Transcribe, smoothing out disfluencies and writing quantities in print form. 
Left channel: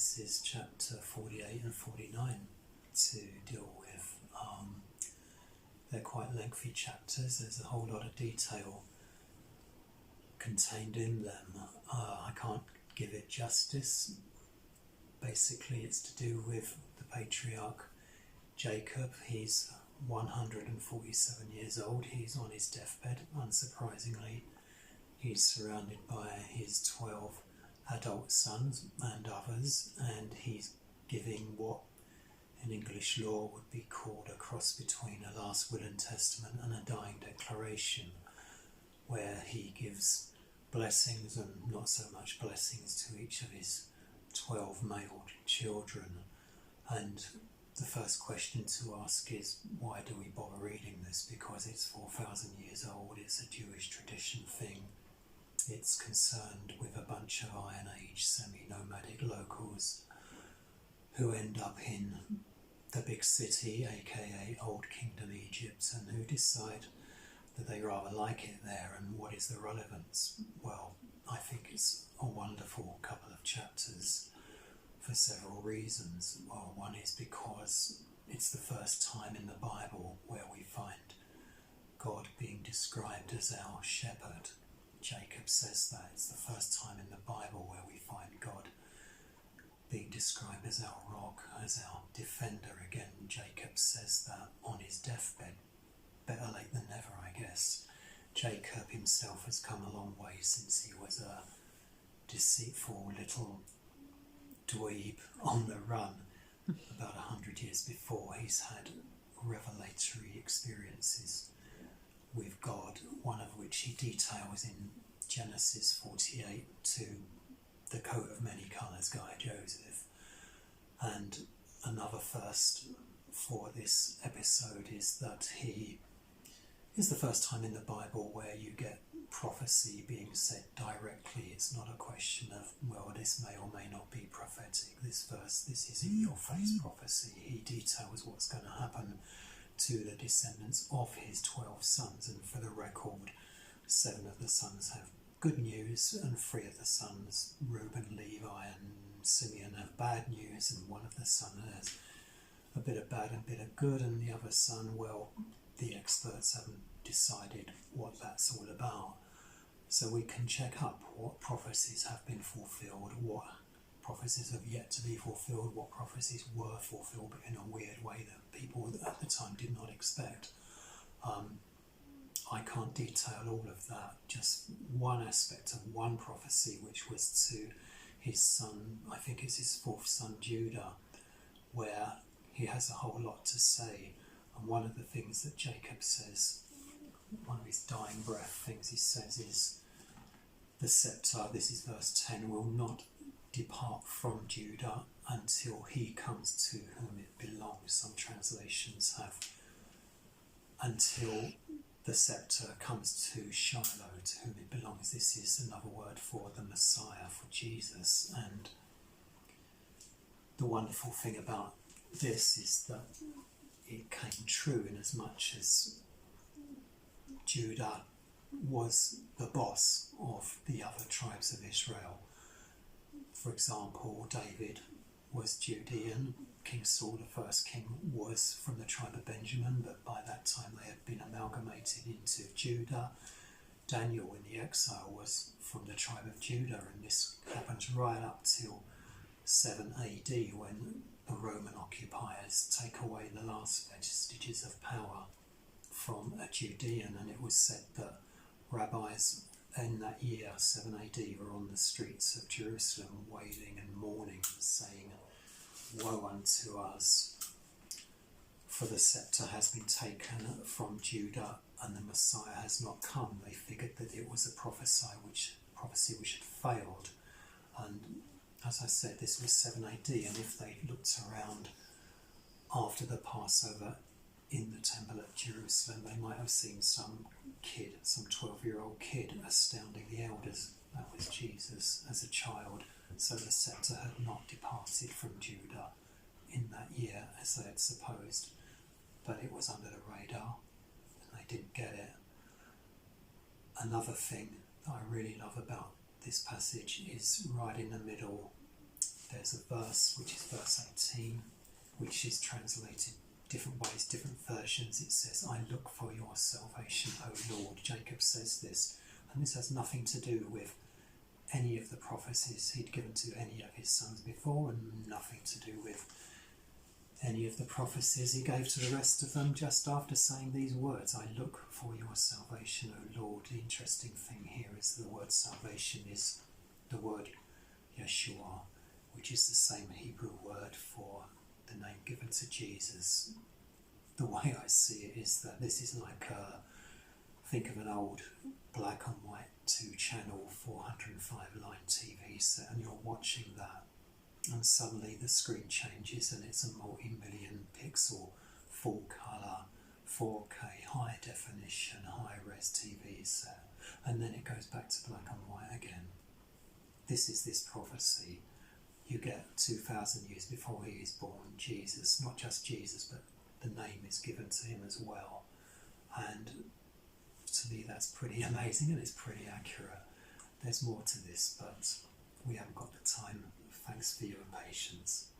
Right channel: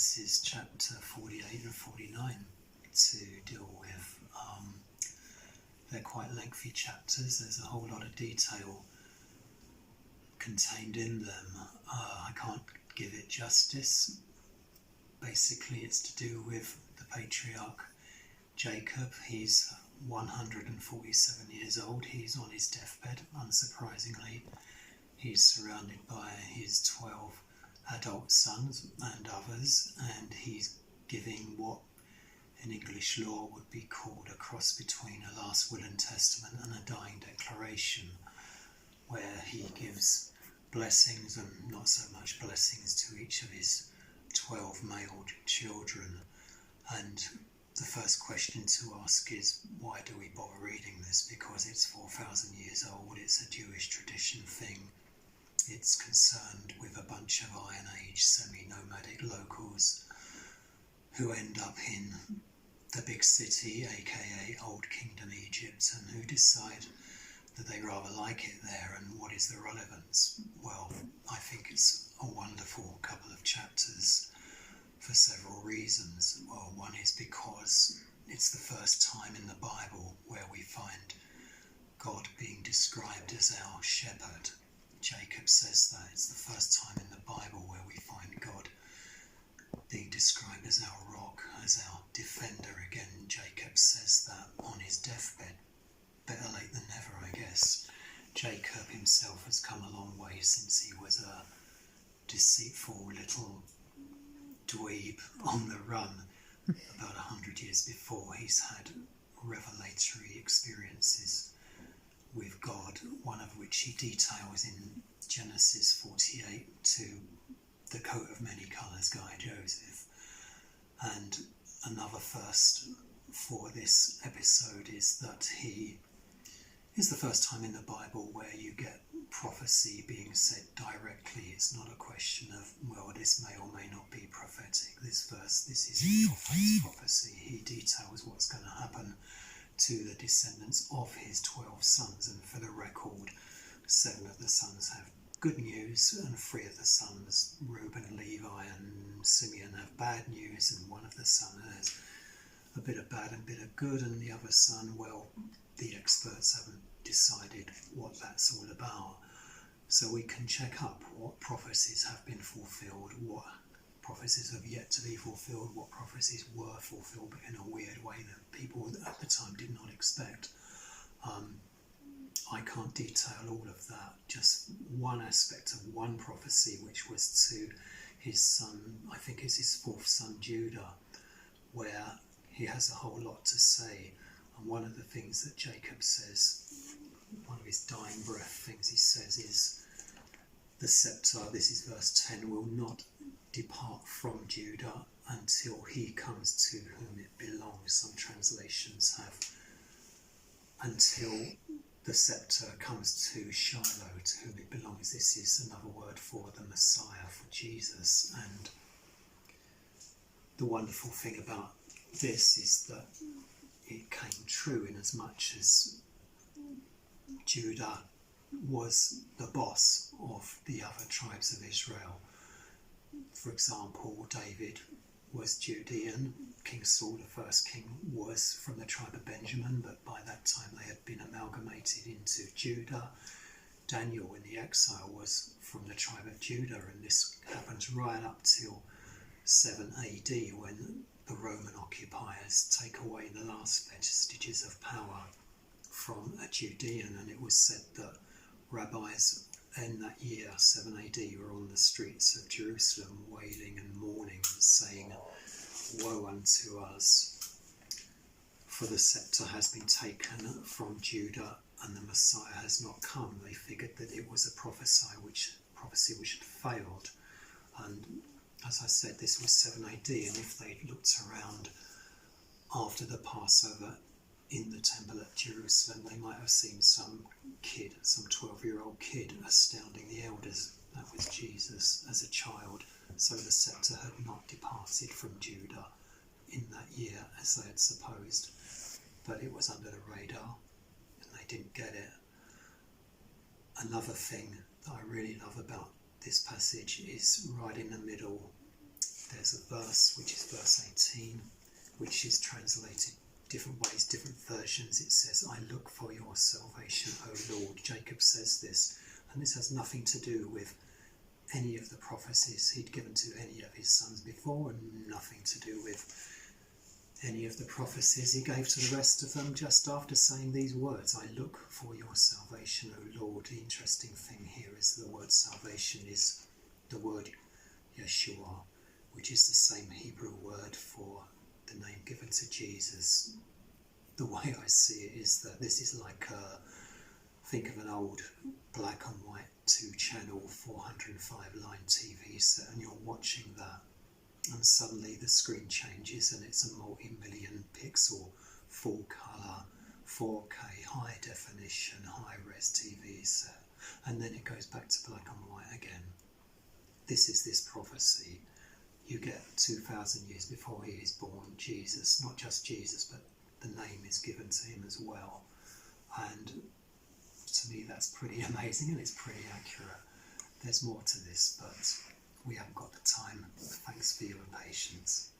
Genesis chapter 48 and 49 to deal with. They're quite lengthy chapters. There's a whole lot of detail contained in them. I can't give it justice. Basically, it's to do with the patriarch Jacob. He's 147 years old. He's on his deathbed, unsurprisingly. He's surrounded by his 12 adult sons and others, and he's giving what in English law would be called a cross between a last will and testament and a dying declaration, where he gives blessings and not so much blessings to each of his 12 male children. And the first question to ask is, why do we bother reading this? Because it's 4,000 years old, it's a Jewish tradition thing. It's concerned with a bunch of Iron Age semi-nomadic locals who end up in the big city, aka Old Kingdom Egypt, and who decide that they rather like it there. And what is the relevance? Well, I think it's a wonderful couple of chapters for several reasons. Well, one is because it's the first time in the Bible where we find God being described as our shepherd. Jacob says that. It's the first time in the Bible where we find God being described as our rock, as our defender. Again, Jacob says that on his deathbed. Better late than never, I guess. Jacob himself has come a long way since he was a deceitful little dweeb on the run. About 100 years before, he's had revelatory experiences with God, one of which he details in Genesis 48 to the coat of many colours guy Joseph. And another first for this episode is that he is the first time in the Bible where you get prophecy being said directly. It's not a question of, well, this may or may not be prophetic. This verse, this is in your face prophecy. He details what's going to happen to the descendants of his 12 sons, and for the record, 7 of the sons have good news and 3 of the sons, Reuben, Levi and Simeon, have bad news, and one of the sons has a bit of bad and a bit of good, and the other son, well, the experts haven't decided what that's all about. So we can check up what prophecies have been fulfilled, what prophecies have yet to be fulfilled, what prophecies were fulfilled but in a weird way that people at the time did not expect. I can't detail all of that, just one aspect of one prophecy, which was to his son, I think it's his 4th son Judah, where he has a whole lot to say. And one of the things that Jacob says, one of his dying breath things he says is, the scepter, this is verse 10, will not depart from Judah until he comes to whom it belongs. Some translations have until the scepter comes to Shiloh, to whom it belongs. This is another word for the Messiah, for Jesus. And the wonderful thing about this is that it came true in as much as Judah was the boss of the other tribes of Israel. For example, David was Judean. King Saul, the first king, was from the tribe of Benjamin, but by that time they had been amalgamated into Judah. Daniel in the exile was from the tribe of Judah, and this happens right up till 7 AD when the Roman occupiers take away the last vestiges of power from a Judean. And it was said that rabbis in that year, 7 AD, were on the streets of Jerusalem wailing and mourning and saying, "Woe unto us, for the scepter has been taken from Judah and the Messiah has not come." They figured that it was a prophecy which had failed. And as I said, this was 7 AD, and if they'd looked around after the Passover in the temple at Jerusalem, they might have seen some kid, some 12-year-old kid, astounding the elders. That was Jesus as a child. So the scepter had not departed from Judah in that year as they had supposed, but it was under the radar and they didn't get it. Another thing that I really love about this passage is right in the middle, there's a verse, which is verse 18, which is translated different ways, different versions. It says, I look for your salvation, O Lord. Jacob says this, and this has nothing to do with any of the prophecies he'd given to any of his sons before, and nothing to do with any of the prophecies he gave to the rest of them just after saying these words, I look for your salvation, O Lord. The interesting thing here is the word salvation is the word Yeshua, which is the same Hebrew word for the name given to Jesus. The way I see it is that this is like think of an old black and white 2-channel 405 line TV set, and you're watching that, and suddenly the screen changes and it's a multi-million pixel, full colour, 4K, high definition, high res TV set, and then it goes back to black and white again. This is this prophecy. You get 2,000 years before he is born, Jesus, not just Jesus, but the name is given to him as well. And to me that's pretty amazing, and it's pretty accurate. There's more to this, but we haven't got the time. Thanks for your patience.